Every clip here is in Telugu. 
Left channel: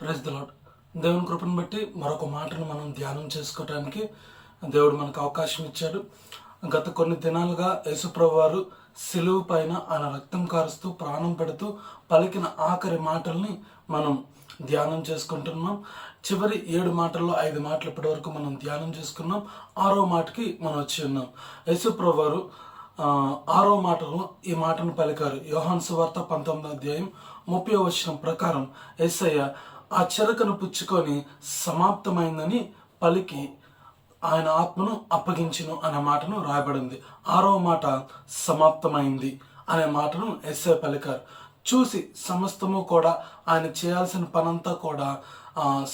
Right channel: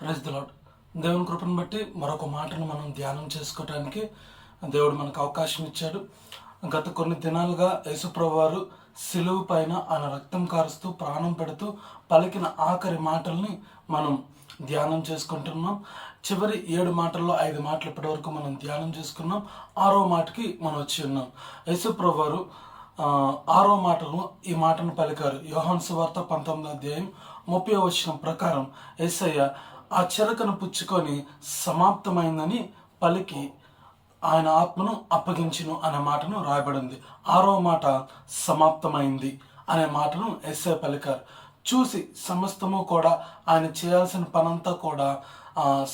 Praise the lord. దేవుని కృపను బట్టి మరొక మాటను మనం ధ్యానం చేసుకోవటానికి దేవుడు మనకు అవకాశం ఇచ్చాడు. గత కొన్ని దినాలుగా యేసుప్రభు వారు సిలువ పైన ఆయన రక్తం కారుస్తూ ప్రాణం పెడుతూ పలికిన ఆఖరి మాటల్ని మనం ధ్యానం చేసుకుంటున్నాం. చివరి 7 మాటల్లో 5 మాటలు ఇప్పటి వరకు మనం ధ్యానం చేసుకున్నాం. 6వ మాటకి మనం వచ్చి ఉన్నాం. యేసుప్రభు వారు 6వ మాటను ఈ మాటను పలికారు. యోహాను సువార్త 19వ అధ్యాయం 30వ వచనం ప్రకారం యేసయ్య ఆ చెరకను పుచ్చుకొని సమాప్తమైందని పలికి ఆయన ఆత్మను అప్పగించును అనే మాటను రాయబడింది. 6వ మాట సమాప్తమైంది అనే మాటను యేసయ్య పలికారు. చూసి సమస్తము కూడా ఆయన చేయాల్సిన పనంతా కూడా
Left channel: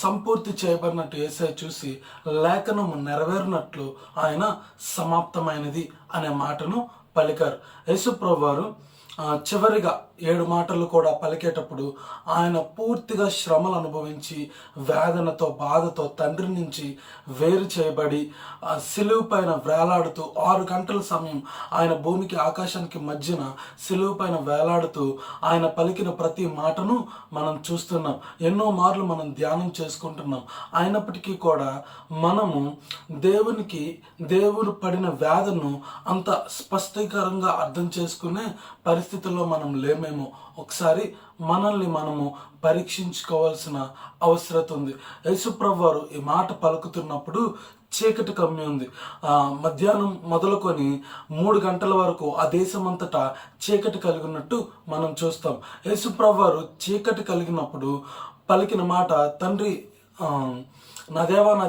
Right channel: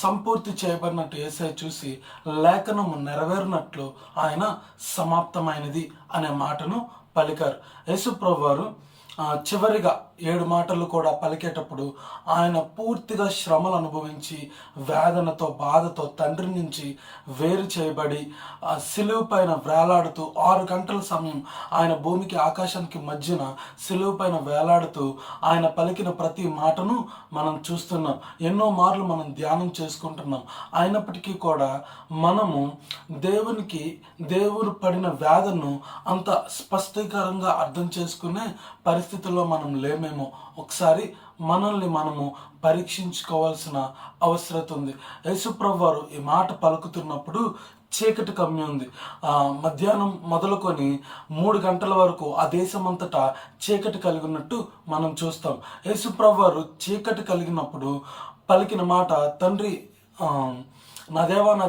సంపూర్తి చేయబడినట్టు యేసయ్య చూసి లేఖనము నెరవేరినట్లు ఆయన సమాప్తమైనది అనే మాటను పలికారు. యేసుప్రభు వారు చివరిగా 7 మాటలు కూడా పలికేటప్పుడు ఆయన పూర్తిగా శ్రమలు అనుభవించి వేదనతో బాధతో తండ్రి నుంచి వేరు చేయబడి సిలువ పైన వేలాడుతూ 6 గంటల సమయం ఆయన భూమికి ఆకాశానికి మధ్యన సిలువ పైన వేలాడుతూ ఆయన పలికిన ప్రతి మాటను మనం చూస్తున్నాం. ఎన్నో మార్లు మనం ధ్యానం చేసుకుంటున్నాం. అయినప్పటికీ కూడా మనము దేవుడు పడిన వేదనను అంత స్పష్టీకరంగా అర్థం చేసుకునే పరిస్థితుల్లో మనం లేమేమో. ఒకసారి మనల్ని మనము పరీక్షించుకోవాల్సిన అవసరం ఉంది. యేసుప్రభు వారు ఈ మాట పలుకుతున్నప్పుడు చీకటి కమ్మి ఉంది. మధ్యాహ్నం మొదలుకొని 3 గంటల వరకు ఆ దేశమంతటా చీకటి కలిగినట్టు మనం చూస్తాం. యేసుప్రభు వారు చీకటి కలిగినప్పుడు పలికిన మాట, తండ్రి నా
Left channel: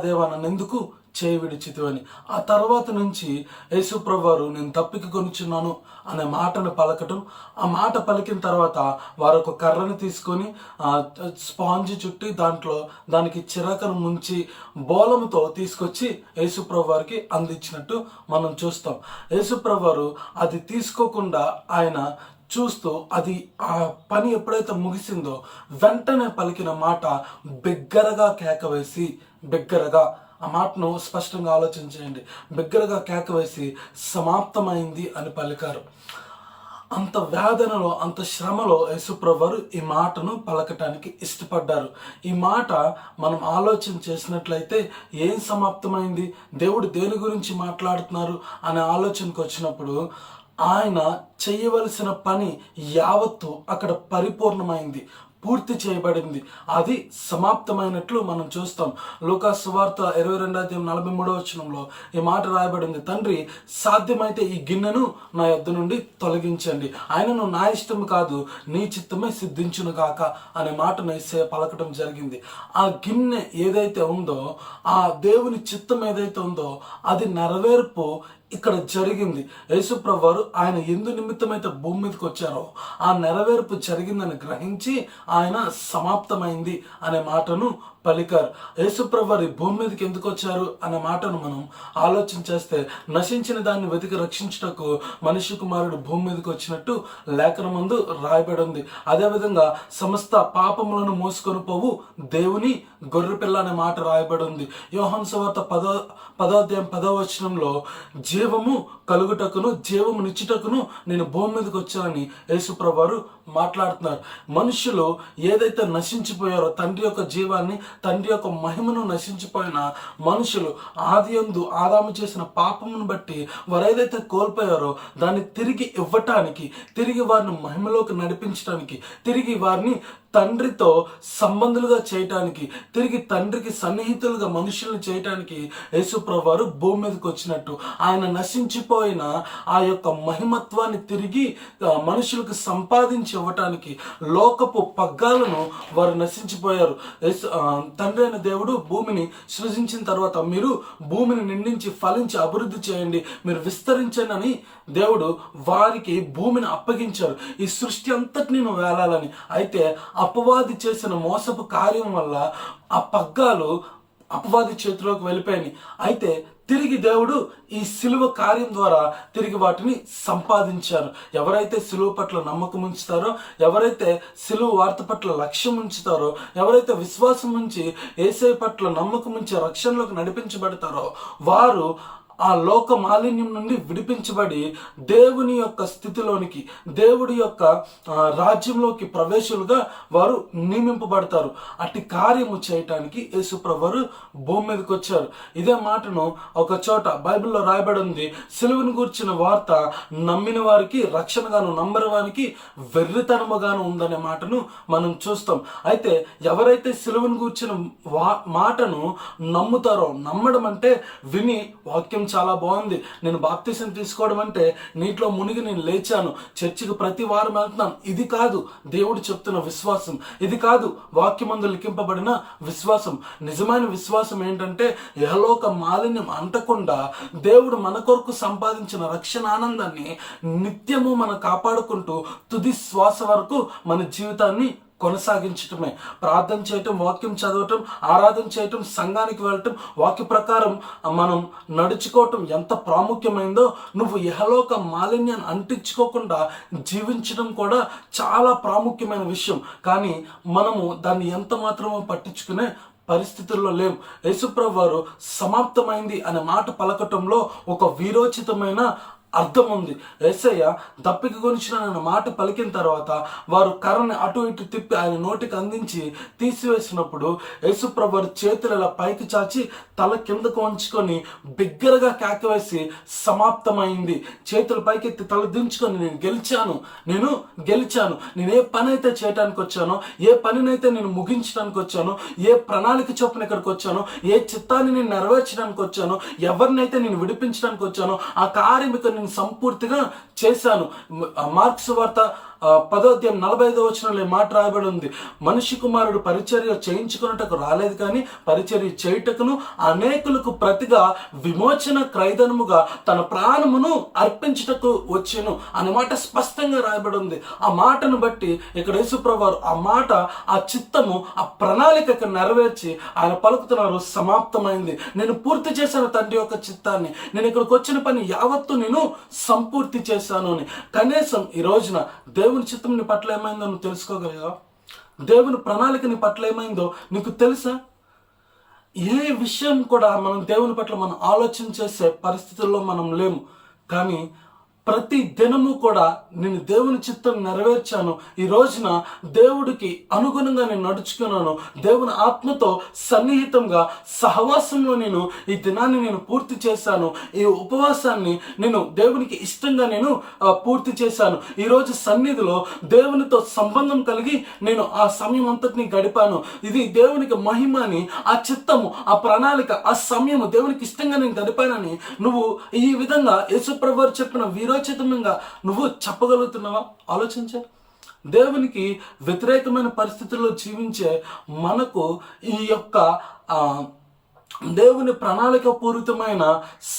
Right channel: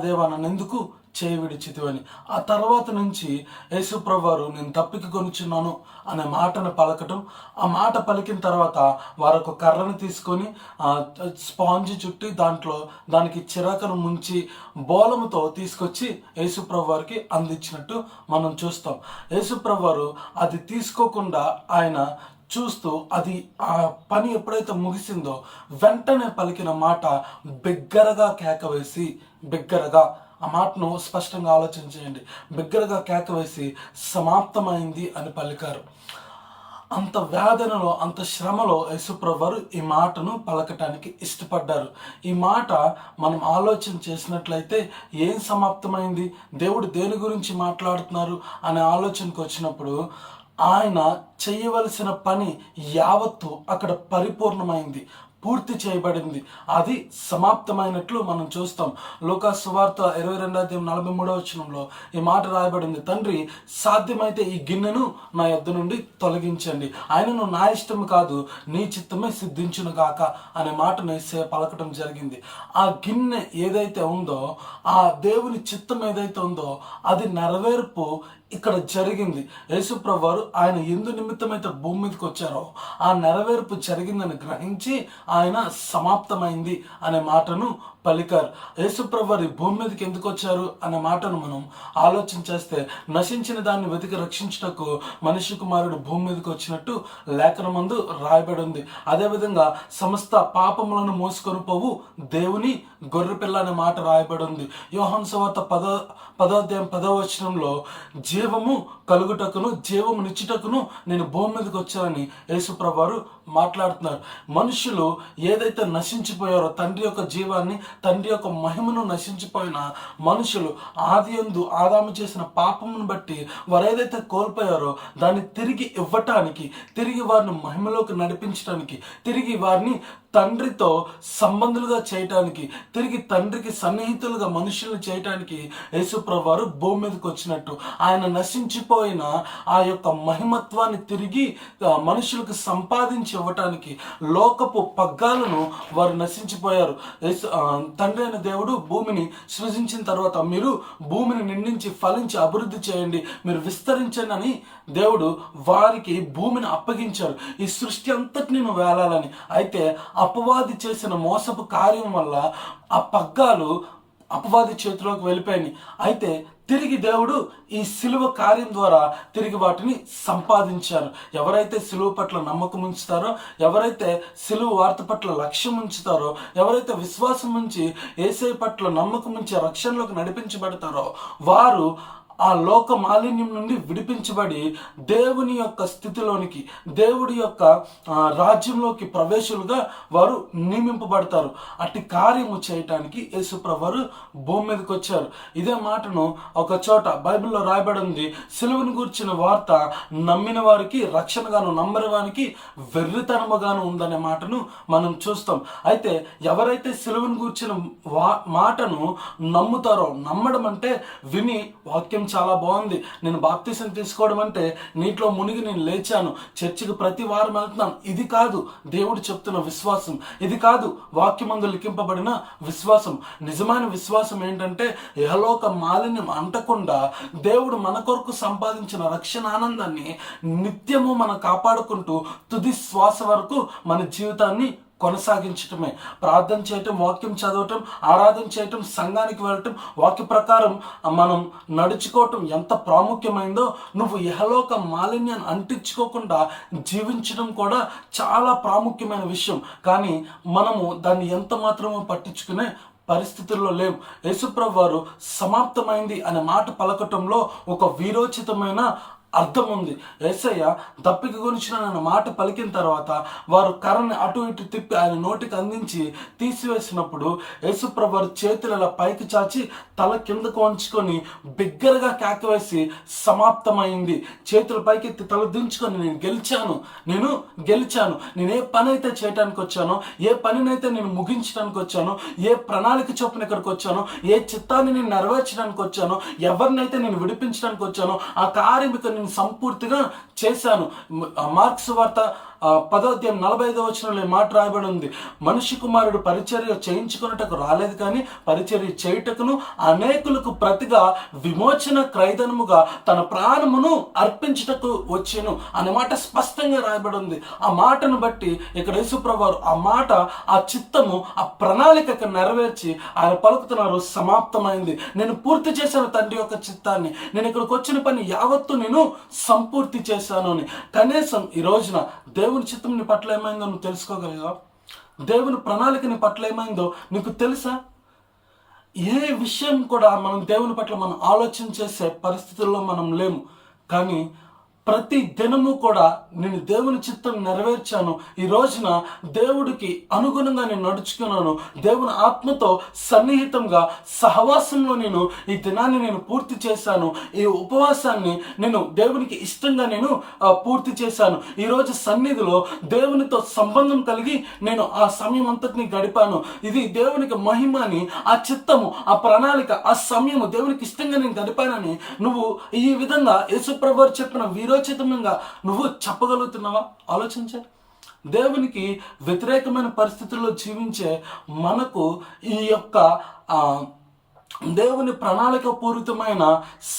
దేవా నన్నెందుకు చేయి విడిచితివని. ఆ తర్వాత నుంచి యేసుప్రభు వారు నేను తప్పిక కొనుచున్నాను అనే మాటను పలకటం. ఆ మాట పలికిన తర్వాత వారు ఒక కర్రను తీసుకొని స్పాంజ్ చుట్టి దానికి చిరాకను ముంచి బోలముతో తీసుకొచ్చి యేసుప్రభు వారికి అందించినట్టు మనం చూస్తాం. యేసుప్రభు వారు అది తీసుకోకుండా ఆయన చూస్తూ అది ఆ పని ఎప్పుడైతే ముగిసిందో వెంటనే పలికిన మాట బిగ్గరగా కేకవేసి, బిగ్గరగా ఆ మాటను స్పష్టంగా ఆలోచించేయండి, బిగ్గరగా కేకవేసి సమాప్తమైంది అని పలికారు. అంత వేదనలో అంత శ్రమలో యేసుప్రభు వారు ఈ మాటను పలకటానికి ఇష్టపడ్డారు. ఈ మాట మనం ఆలోచన చేసినట్లయితే ఏం సమాప్తమైంది, దేవుడు దేని గురించి మాట్లాడుతున్నారు అనే ఆలోచనకు వచ్చినప్పుడు ఆయన చేయవలసిన పని యావత్తు అక్కడ పరిపూర్ణమైంది, పూర్తి చేయబడింది, అది సమాప్తమైనట్లు మనం చూస్తాం. లూకాసు సువార్త 22:43 వచనంలో ఈ మాట రాయబడింది, తండ్రి సాధ్యమైతే ఈ గిన్నెను నా యొద్ద నుండి తొలగించండి, ఆయనను నా ఇష్టం కాదు నీ చిత్తమే సిద్ధించును గాక అనే మాటను యేసయ్య పలకటం జరిగింది. ఆ గిన్నె ఏదైతే ఉందో, ఆ దేవుని చిత్తం ఏదైతే ఉందో అది నెరవేర్పు ఇక్కడ జరిగింది. యేసుప్రభు వారు ఆయన ఎందు నిమిత్తమైతే భూమి మీదకి వచ్చారో ఆ నెరవేర్పు జరిగిందని గ్రహించి ఆయన సమాప్తమైంది అనే మాటను పలికారు. యేసుప్రభు వారు భూమి మీదకి ఎందుకు వచ్చారు అనే మాటను మనం ఆలోచన చేస్తే, నశించిన దాన్ని వెతికి రక్షించుటకు మనిషి కుమారుడు భూమి మీదకి వచ్చినట్టు లేఖనమందు రాయబడి ఉంది. అదేవిధంగా సమస్త పాపములను మోసుకొని పోవు దేవుని గొర్రెపిల్ల అనే మాట రాయబడి ఉంది. యోహాను సువార్త 10వ అధ్యాయం 10వ వచనంలో జీవము కలుగుటకును జీవము నిచ్చుటకును నేను భూమి మీదకి వచ్చానని యేసుప్రభు వారు మాట్లాడుతున్నారు. మనుషులు ఏదైతే నశించిపోయారో, తండ్రి యొక్క జీవాన్ని, తండ్రి యొక్క మహిమను నశించిపోయిన మనుషులు ఆదియందు ఆదాము చేసిన పాపమును బట్టి వారు ఏదైతే కోల్పోయారో దాన్ని తిరిగి ఇవ్వటానికి, తిరిగి వారిని మహిమలోకి నడిపించడానికి, తిరిగి వారిని తండ్రితో సంబంధులుగా చేయటానికి, తిరిగి తండ్రికి సన్నిహితులుగా మనుషులను చేయటానికి యేసుప్రభు వారు భూమి మీదకి వచ్చినట్టు ఆయన నశించిపోయిన ఆ యొక్క మహిమత్వాన్ని తిరిగి మనుషులకు సంపాదించి ఇవ్వటానికి, లోకపు పగ్గాలను వారు నశించిపోయారు. తండ్రి అయిన దేవుడు భూమిని సృజించిన తర్వాత మీరు భూమిని నిండించి ఫలించి అభివృద్ధి చేయండి, మీరు విస్తరించండి అని దేవుడు వారికి భూమిని అప్పగించారు, ఈ సృష్టి అంతటిని నువ్వు వేలాలని. అయితే అపవాది చేసిన మోసపు కార్యం వల్ల ఆ పగ్గాలు అపవాది చేతిలోకి వెళ్ళిపోయాయి. అయితే తిరిగి దేవుడు ఈ సిలువ కార్యం ద్వారా తిరిగి వాటిని సంపాదించారు. ఎవరైతే సిలువ పట్ల నమ్మకం ఉంచుతారో, ఎవరైతే సిలువ వార్త పట్ల లక్ష్యం ఉంచుతారో, ఎవరైతే విశ్వాసం ఉంచి యేసయ్య పట్ల నమ్మకం ఉంచి రక్షణలోకి నడిపించబడతారో వారు ఆ లోక మాలిన్యం నుండి విడిపించబడి దేవుని యొక్క స్థితిలోనికి, దేవుడి యొక్క రాజ్యంలోకి ప్రవేశులుగా వారు నియమింపబడతారు. అట్టి కార్యము చేయటానికి యేసుప్రభు వారు భూమి మీదకి వచ్చారు. ఇదే మాటను ఒక చోట బైబిల్లో రాయబడి ఉంది, సిలువను గూర్చిన వార్త నమ్మిన వారికి రక్షణగాను, నమ్మని వారికి వెర్రితనముగాను ఉందనే మాటను మనం చూస్తాం. అయితే ఎవరైతే సిలువను గూర్చిన మాటను నమ్ముతారో, నమ్మడం అంటే విని వాక్యం చాలా బాగుంది, నేను బాప్తిసం తీసుకోవడం అంటే నీటిలో మునిగి నేను లేచాను, చర్చికి ప్రతి వారం వెళ్తున్నాను, ఇది కాదు దేవుడు చెప్తున్న విశ్వాసం, ఇది కాదు వాక్యమందు లిఖింపబడిన విశ్వాసం. నిజమైన విశ్వాసం ఏంటంటే యహలోక మాలిన్యం అంటకుండా దేవుడు మన కొరకు సంపాదించిన రక్షణ ఆనందాన్ని నిత్యము మనం కాపాడుకుంటూ తుది శ్వాస వరకు మన జీవితాన్ని కొనసాగించటమే. ప్రార్థన చేయటం, వాక్యం చదవటం, ఆరాధన చేయటం, సంఘానికి వెళ్ళటం, వాక్య ప్రకారం మనం నడుచుకోవటం ఎంత ప్రాముఖ్యమైందో, నువ్వు ఇహలోక మాలిన్యాన్ని అంటించుకోకుండా జీవించడం కూడా చాలా ప్రాముఖ్యమైన విషయం. కానీ మనము దాన్ని ఎంత మాత్రమో పట్టించుకునే పరిస్థితుల్లో లేం. యేసుప్రభు వారు సమాప్తమైంది అనే మాట పలకటంలో ఒక వీరోచితమైన అర్థం ఉంది. యేసయ్య దప్పిక గురించిన మాట పలికిన తర్వాత వారు కర్రని అటు ఇటు తిప్పి ఆయన నోటికి అందించి తీసివేసినప్పుడు యేసుప్రభు వారు చేతులు ఇలా పైకి చాచి తల కిందకు వంచుకొని బిగ్గరగా కేకవేసి సమాప్తమైంది, చేతుల పైకెత్తి తల దించుకొని నేను గెలిచాను, నేను ఏ పని అయితే చేయడానికి వచ్చానో, ఏ పనినైతే నేను ముగించడానికి వచ్చానో, ఏ ప్రణాళిక చొప్పున ఇక్కడికి వచ్చానో, ఏ చిత్తాన్ని నేను నెరవేర్చడానికి వచ్చానో, ఎవరినైతే నేను విడిపించడానికి వచ్చానో ఆ కార్యం నేను సంపూర్తిగా చేశాను. మార్క్స్ వార్త 10:45 మాట రాయబడి ఉంది, మనిషి కుమారుడు పరిచర్య చేయించుకున్నటకు రాలేదు కానీ పరిచర్య చేయుటకును అనేకులకు ప్రతిగా విమోచన క్రైదనముగా తన ప్రాణమును అర్పించుటకు వచ్చెను అనే మాట స్పష్టంగా రాయబడి ఉంది. ఆ మాటను బట్టి ఇక్కడ యేసుప్రభు వారు ఆ మాట, ఆ చిత్తము, ఆ ప్రణాళికకు నెరవేర్చి ఆయన పలుకుతున్నారు, సమాప్తమైంది, నేను పూర్తి చేశాను తండ్రి యొక్క చిత్తాన్ని, నేను ఇక్కడికి వచ్చిన పని యావత్తు నేను సంపూర్తి చేశాను అని. కనీసం ఈ రోజున దేవుని చిత్తం నీ పట్ల ఏమైందో నువ్వు తెలుసుకోగలిగా? దేవుని ప్రణాళిక నీ పట్ల ఏమైందో నీకు తెలుసా? ఏ విషయం కూడా మనం దేవుని పట్ల మనం ఆలోచన చేసే పరిస్థితుల్లో మనం లేము. కానీ ప్రతి దినము కూడా నేను దేవుని చిత్తం నెరవేర్చాను, ఈ రోజున దేవుడికి అనుగుణంగా నేను నడుచుకున్నాను, దేవుని ఆత్మతో సన్నిహితంగా సహవాసంలో నేను ఈ దినాన్ని నేను పూర్తి చేశాను, ఈ ఉపవాసాన్ని నేను దేవునికి ఇష్టంగా నేను పూర్తి చేశాను, ఈరోజు సన్నిధిలో దేవునితో సంబంధం కలిగి నేను ఆ సమయం అంతటిని గడిపాను, ఇది దేవునికి మహిమని, ఆ చిత్తము, ఆ ప్రణాళిక, ఆ సమయము దేవునికి ఇష్టంగా నేను గడిపానని నువ్వు ఈ విధంగా యేసుప్రభు వారు చెప్పిన వీరోచితంగా నువ్వు చెప్పగలుగుతున్నావా? ఆలోచించే. దేవునికి వ్యతిరేకమైన పరిస్థితుల్లో జీవించే మనకు ఈ యొక్క దేవుని ప్రణాళిక పూరితమైన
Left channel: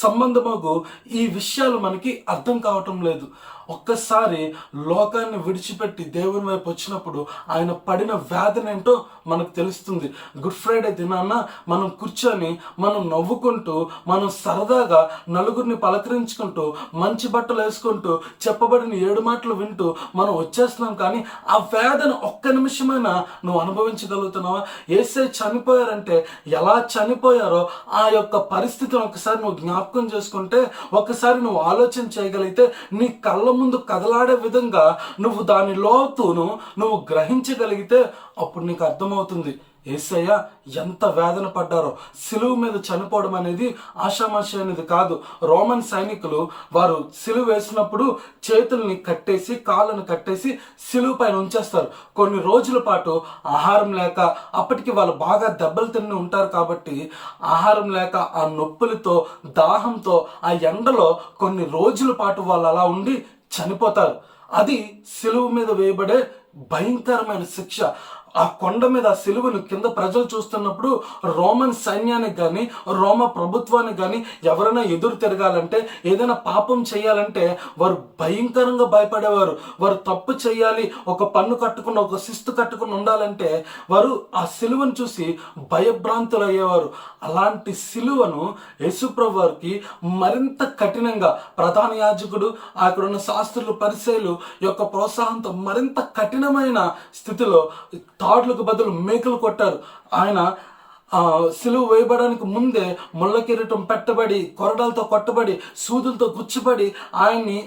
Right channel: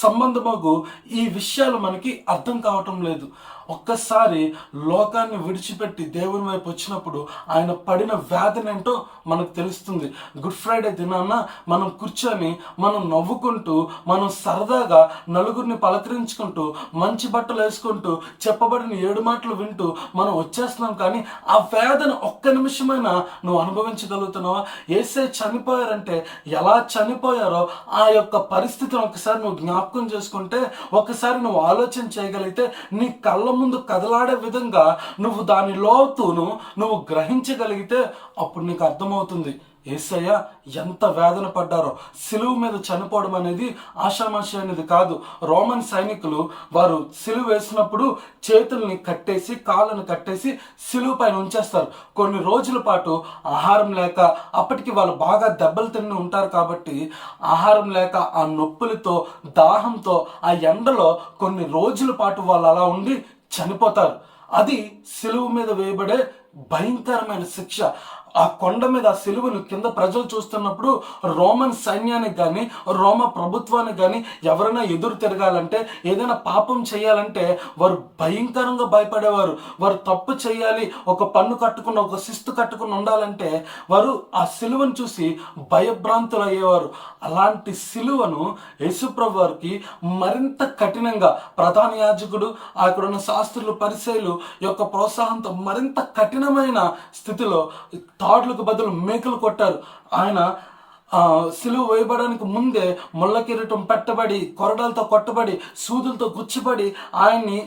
సంబంధముకు ఈ విషయాలు మనకి అర్థం కావటం లేదు. ఒక్కసారి లోకాన్ని విడిచిపెట్టి దేవుని వైపు వచ్చినప్పుడు ఆయన పడిన వ్యాధిని ఏంటో మనకు తెలుస్తుంది. గుడ్ ఫ్రైడే దినాన మనం కూర్చొని మనం నవ్వుకుంటూ, మనం సరదాగా నలుగురిని పలకరించుకుంటూ, మంచి బట్టలు వేసుకుంటూ, చెప్పబడిన 7 మాటలు వింటూ మనం వచ్చేస్తున్నాం. కానీ ఆ వేదన ఒక్క నిమిషమైనా నువ్వు అనుభవించగలుగుతున్నావా? యేసయ్య చనిపోయారంటే ఎలా చనిపోయారో ఆ యొక్క పరిస్థితిని ఒకసారి నువ్వు జ్ఞాపకం చేసుకుంటే, ఒకసారి నువ్వు ఆలోచన చేయగలిగితే, నీ కళ్ళ ముందు కదలాడే విధంగా నువ్వు దాని లోతును నువ్వు గ్రహించగలిగితే అప్పుడు నీకు అర్థమవుతుంది యేసయ్య ఎంత వేదన పడ్డారో. సిలువ మీద చనిపోవడం అనేది ఆషామాషి అనేది కాదు. రోమన్ సైనికులు వారు సిలువ వేసినప్పుడు చేతుల్ని కట్టేసి, కాళ్ళను కట్టేసి సిలువ పైన ఉంచేస్తారు. కొన్ని రోజుల పాటు ఆహారం లేక, అప్పటికి వాళ్ళు బాగా దెబ్బలు తిని ఉంటారు కాబట్టి ఆహారం లేక, ఆ నొప్పులతో, దాహంతో, ఆ ఎండలో కొన్ని రోజుల పాటు వాళ్ళు అలా ఉండి చనిపోతారు. అది సిలువ మీద వేయబడే భయంకరమైన శిక్ష. ఆ కొండ మీద ఆ సిలువను కింద ప్రజలు చూస్తున్నప్పుడు రోమన్ సైన్యానికి కానీ, రోమ ప్రభుత్వానికి కానీ ఎవరైనా ఎదురు తిరగాలంటే, ఏదైనా పాపం చేయాలంటే వారు భయంకరంగా భయపడేవారు. వారు తప్పు చేయాలి, ఒక పన్ను కట్టుకుని, ఒక శిస్తు కట్టుకుని ఉండాలంటే వారు ఆ సిలువను చూసి భయభ్రాంతులు అయ్యేవారు. అలాంటి సిలువను యేసుప్రభు వారికి మరింత కఠినంగా ప్రధాన యాజకుడు, అక్కడున్న శాస్త్రులు, పరిసయ్యులు యొక్క ప్రోత్సాహంతో మరింత కఠినమైన స్థితిలో తాడులకు బదులు మేకలు కొట్టారు. ఆయన సిలువ వేయబడానికి ముందే ముళ్ళ కిరీటం పెట్టబడి, కొరడాలతో కొట్టబడి, సూదులతో గుచ్చబడి ఆయన్ని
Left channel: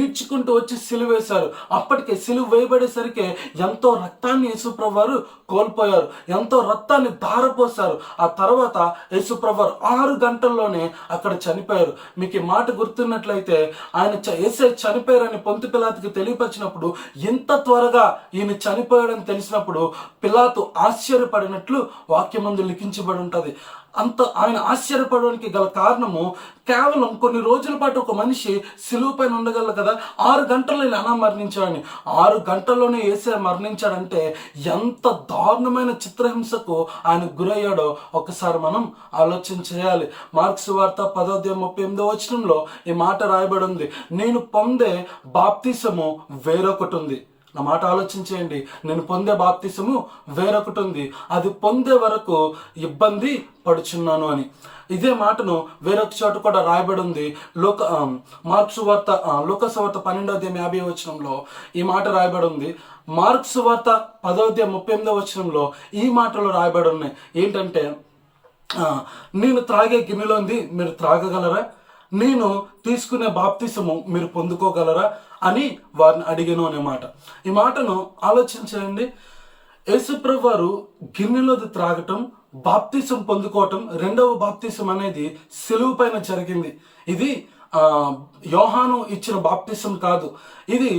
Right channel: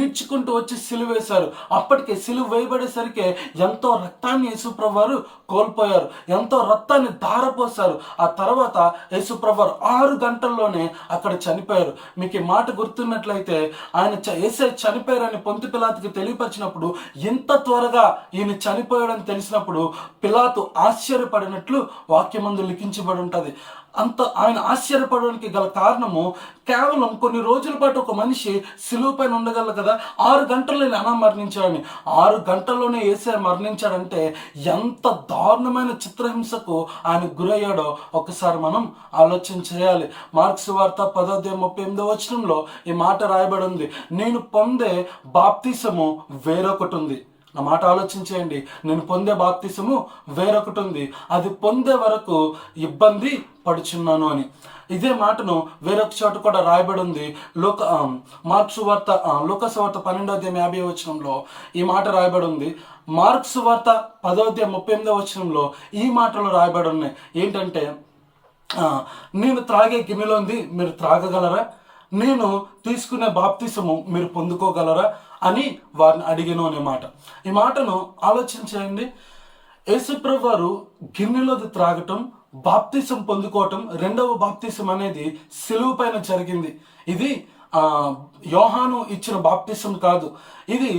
ఈడ్చుకుంటూ వచ్చి సిలువ వేశారు. అప్పటికే సిలువ వేయబడేసరికి ఎంతో రక్తాన్ని యేసుప్రభు వారు కోల్పోయారు, ఎంతో రక్తాన్ని ధారపోశారు. ఆ తర్వాత యేసుప్రభు వారు 6 గంటల్లోనే అక్కడ చనిపోయారు. మీకు ఈ మాట గుర్తున్నట్లయితే ఆయన యేసే చనిపోయారని పొంతు పిలాతుకి తెలియపరిచినప్పుడు, ఇంత త్వరగా ఈయన చనిపోయాడని తెలిసినప్పుడు పిలాతు ఆశ్చర్యపడినట్లు వాక్యమందు లిఖించబడి ఉంటుంది. అంత ఆయన ఆశ్చర్యపడడానికి గల కారణము, కేవలం కొన్ని రోజుల పాటు ఒక మనిషి సిలువ పైన ఉండగలరు కదా, 6 గంటల్లో ఇలా మరణించాడని. 6 గంటల్లోనే యేసే మరణించాడంటే ఎంత దారుణమైన చిత్రహింసకు ఆయన గురయ్యాడో ఒకసారి మనం ఆలోచన చేయాలి. మార్క్స్ వార్త 10:38 ఈ మాట రాయబడి ఉంది, నేను పొందే బాప్తిసము వేరొకటి ఉంది. నా మాట ఆలోచించేయండి. నేను పొందే బాప్తిసము వేరొకటి ఉంది, అది పొందే వరకు ఇబ్బంది పడుచున్నాను అని. ఇదే మాటను వేరొక చోట కూడా రాయబడి ఉంది. లూకాసు వార్త 12:50 ఈ మాట రాయబడి ఉంది. మార్క్స్ వార్త 10:38 ఈ మాటలు రాయబడి ఉన్నాయి. ఏంటంటే, నేను త్రాగే గిన్నెలోంది మీరు త్రాగగలరా, నేను తీసుకునే బాప్తిసము మీరు పొందుకోగలరా అని వారిని అడిగాను అనే మాట. ఈ మాటను ఆలోచించండి. యేసుప్రభు వారు గిన్నెలోది త్రాగటం, బాప్తిసం పొందుకోవటం, రెండవ బాప్తిసం అనేది సిలువ పైన జరిగింది. ఇది యోహాను ఇచ్చిన బాప్తిసం కాదు, ఇది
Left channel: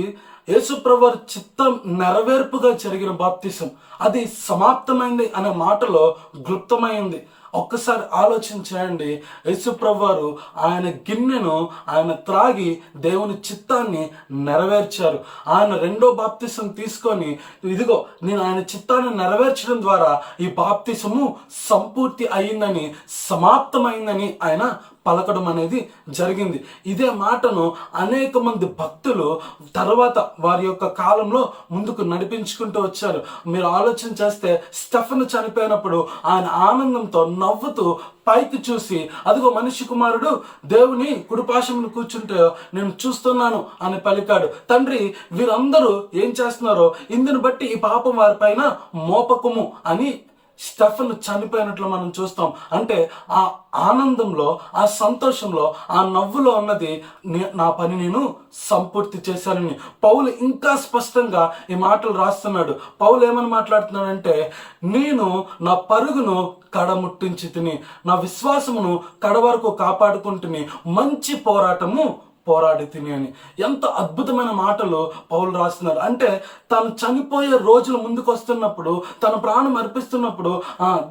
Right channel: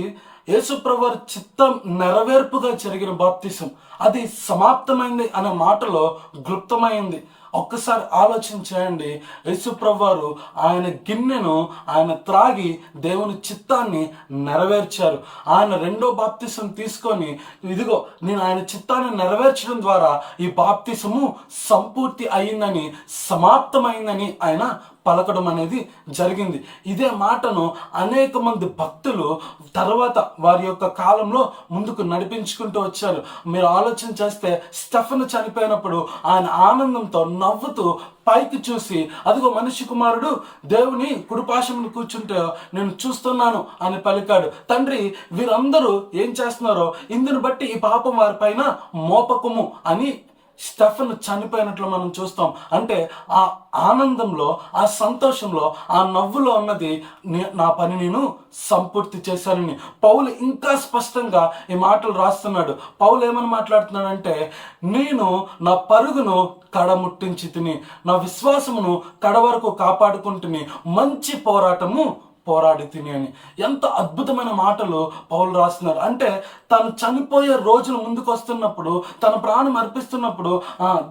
యేసుప్రభు వారి చిత్తం నెరవేర్పుగా జరిగిన బాప్తిసం. అది సమాప్తమైంది అనే మాటలో క్లుప్తమైంది. ఒక్కసారి ఆలోచించండి. యేసుప్రభు వారు ఆయన గిన్నెను ఆయన త్రాగి దేవుని చిత్తాన్ని నెరవేర్చారు. ఆయన రెండో బాప్తిసం తీసుకొని, ఇదిగో నేను ఆయన చిత్తాన్ని నెరవేర్చడం ద్వారా ఈ బాప్తిసము సంపూర్తి అయిందని, సమాప్తమైందని ఆయన పలకడం అనేది జరిగింది. ఇదే మాటను అనేక మంది భక్తులు తర్వాత వారి యొక్క కాలంలో ముందుకు నడిపించుకుంటూ వచ్చారు. మీరు ఆలోచన చేస్తే, స్టెఫెను చనిపోయినప్పుడు ఆయన ఆనందంతో నవ్వుతూ పైకి చూసి, అదిగో మనిషి కుమారుడు దేవుని కుడిపాశమును కూర్చుంటే నేను చూస్తున్నాను అని పలికాడు. తండ్రి, వీరందరూ ఏం చేస్తున్నారో ఇందుని బట్టి ఈ పాపం వారిపైన మోపకము అని స్టెఫెను చనిపోయినట్లు మనం చూస్తాం. అంటే ఆ ఆనందంలో, ఆ సంతోషంలో, ఆ నవ్వులో ఉన్నది నా పని నేను సంపూర్తి చేశానని. పౌలు ఇంకా స్పష్టంగా ఈ మాటలు రాస్తున్నాడు. పౌలు ఏమని మాట్లాడుతున్నాడంటే, నేను నా పరుగును కడముట్టించి తిని, నా విశ్వాసమును కడవరకు కాపాడుకుంటుని, మంచి పోరాడి తిని అని. ఎంత అద్భుతమైన మాటలు పౌలు రాస్తున్నారు. అంటే తను చనిపోయే రోజులు ముందుకు వస్తున్నప్పుడు, తన ప్రాణం అర్పిస్తున్నప్పుడు,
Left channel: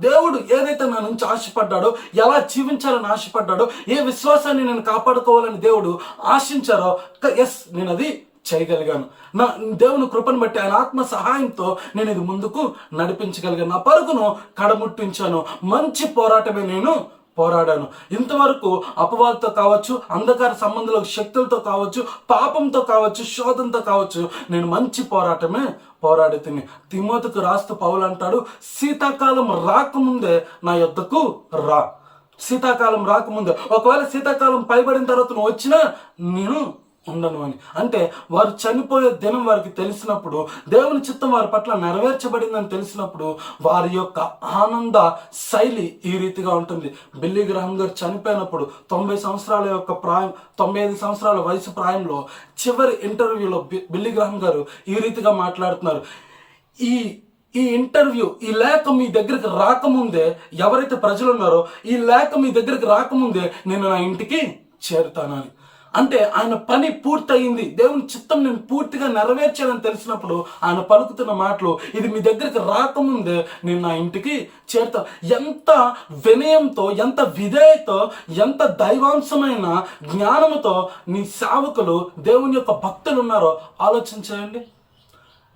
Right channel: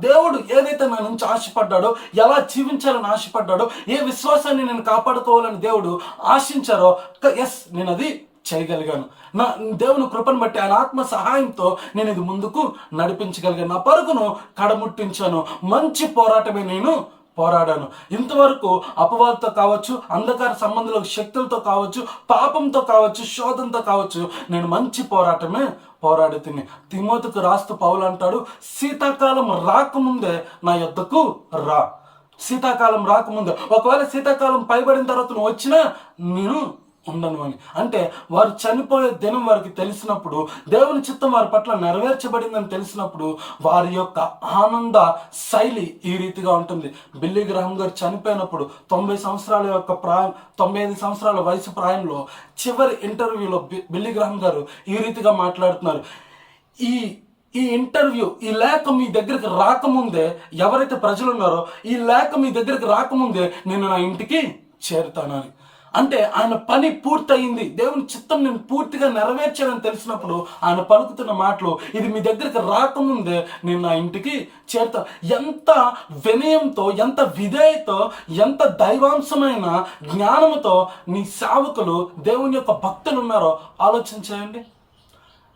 దేవుడు ఏదైతే నా నుంచి ఆశపడ్డాడో, ఎలా జీవించాలని ఆశపడ్డాడో, ఏ విశ్వాసాన్ని నేను కాపాడుకోవాలని దేవుడు ఆశించారో, ఎస్ నేను అది చేయగలిగాను. నా దేవుని కృపను బట్టి, ఆయన ఆత్మ సహాయంతో నేను ఇది ముందుకు నడిపించగలిగాను. నా పరుగును కడముట్టించాను, మంచి పోరాటమే నేను పోరాడాను. ఇంతవరకు అపవాదంతో కావచ్చు, అంధకార సంబంధుల శక్తులతో కావచ్చు, పాపంతో కావచ్చు, శోధంతో కావచ్చు, నేను మంచి పోరాటమే పోరాడి తిని. తిమోతికి రాస్తూ పౌలు అంటాడు, శీతాకాలం రాకముందే నా యొద్దకు రా. శీతాకాలం రాకముందే, ఒకవేళ శీతాకాలం పైబడిన తర్వాత నువ్వు వచ్చినా నేను ఉండను అని. అంటే వారు చనిపోయే దినం వారికి తెలిసినప్పుడు, దేవుని చిత్తం వారి పట్ల నెరవేర్చబడిందని తెలిసినప్పుడు, వారి యొక్క ఆనంద శైలి ఈ రీతిగా ఉంటుంది. బిల్లీ గ్రహం గారు చనిపోయినప్పుడు 90 సంవత్సరాల యొక్క ప్రాయం, 95 సంవత్సరాల వయసు ప్రాయంలో చివరి ఇంటర్వ్యూలో బిల్లీ గ్రహం గారు ఈ రీతిగా మాట్లాడుతున్నారు. ఈ ఇంటర్వ్యూ, ఈ లేఖ మీ దగ్గరికి రాకముందే, ఎవరైతే ప్రజలు ఉన్నారో ఈ లేఖ మీ దగ్గరికి రాకముందే నేను నా ఇంటికి చేరుతానని. అంటే ఆయన పని పూర్తయింది, దేవుని చిత్తం నేను పూర్తిగా నెరవేర్చాలని తెలిసినప్పుడు ఆయన పలుకుతున్న మాటలు, ఇది మీ దగ్గరికి రాకముందే నేను నా ఇంటికి చేరుతా. ఎంత వినయంతో, ఎంత విధేయతో, ఎంత దైవాంశమైన జ్ఞానముతో నీ సేవకులు, దేవుని యొక్క భక్తులు ఉన్నారో ఆలోచించండి.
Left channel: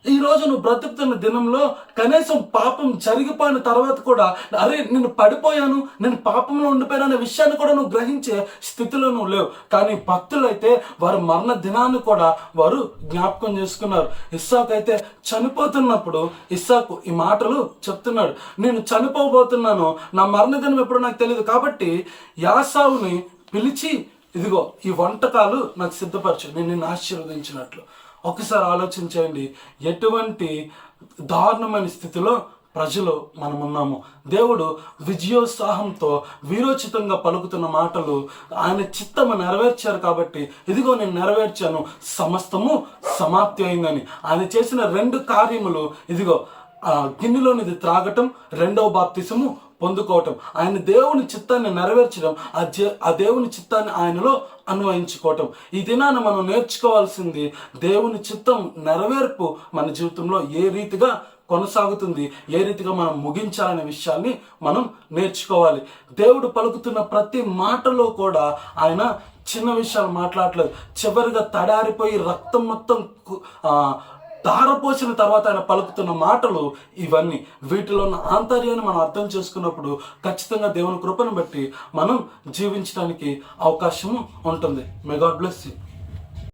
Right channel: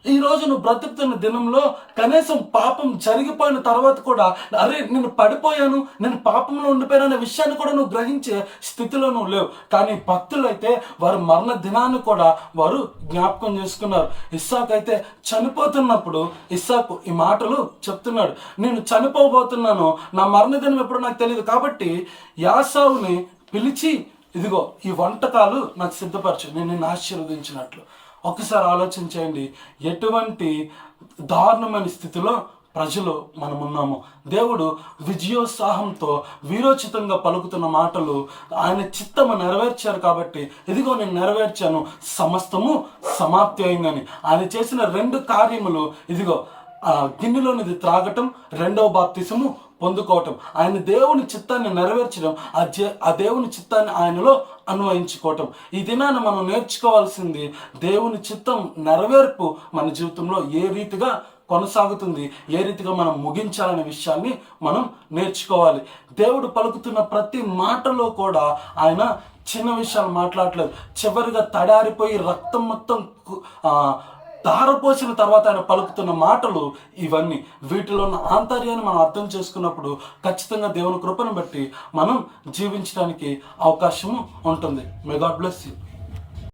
ఈరోజు నువ్వు బ్రతుకుతున్న దినంలో కనీసం పాపం జరిగిపోయిన తర్వాత కూడా, అరే నేను పడిపోయాను, నేను పాపంలో ఉండిపోయాను అనే విషయాన్ని కూడా నువ్వు గ్రహించే స్థితిలో నువ్వు లేవు. కానీ భక్తులైతే వారి మరణ దినాన్ని కూడా వారు జ్ఞాపకం చేసుకున్నారు. ఇస్సాకు అయితే చనిపోతున్నప్పుడు ఇస్సాకు ఈ మాటలు చెప్తున్నాడు, నేను చనిపోబోతున్నాను, నా మరణ దినం ఎప్పుడు నాకు తెలియదు, కాబట్టి యాసావుని పిలిచి, ఇదిగో ఈ వంటకాలు నాకు సిద్ధపరచు, నేను నిన్ను ఆశీర్వదించినట్లు. ఒకసారి ఆలోచించండి, ఎటువంటి దారుణమైన స్థితిలో ప్రజలు మనమున్నాము. దేవుడు విజయోత్సాహంతో వీరోచితంగా పలుకుతున్న మాటలు ఆయన చిత్తము నెరవేర్చారు కాబట్టి, ఇదిగో నేను నెరవేర్చాను, సమస్తము సమాప్తి అయిందని. ఆయన చేసిన 2 కార్యములు, ఇదిగో గిన్నెలోనిది త్రాగటం, రెండవ బాప్తిసము పొందుకోవటం. ఆయన దేవుని చిత్తాన్ని నెరవేర్చడం, ఆ దేవుని చిత్తాన్ని ఆయనలో అన్వయించుకోవటం. ఈ దినాన మనం నేర్చుకోవాల్సింది, దేవుని చిత్తం నెరవేర్పు మన జీవితంలో ఏ రీతిగా కొనసాగుతుంది, ఏ రీతిగా మనం ముగించాలనే విషయాన్ని మనం నేర్చుకోవాలి. దేవుడు పలుకుతున్న ప్రతి మాటలో కూడా ఆయన చిన్న విషయాలు మాట్లాడలేదు. చివరిగా తడారిపోయి రక్తం మొత్తం ధారపోసిన తర్వాత ఆయన పలుకుతున్న మాటలు ఇవన్నీ. వీటిలో ఉన్న ఆంతర్యాన్ని మనం అర్థం చేసుకున్నప్పుడు ఖచ్చితంగా దేవుని కృపను బట్టి మనం జీవించడానికి అవకాశము ఉంటుంది. May God bless you.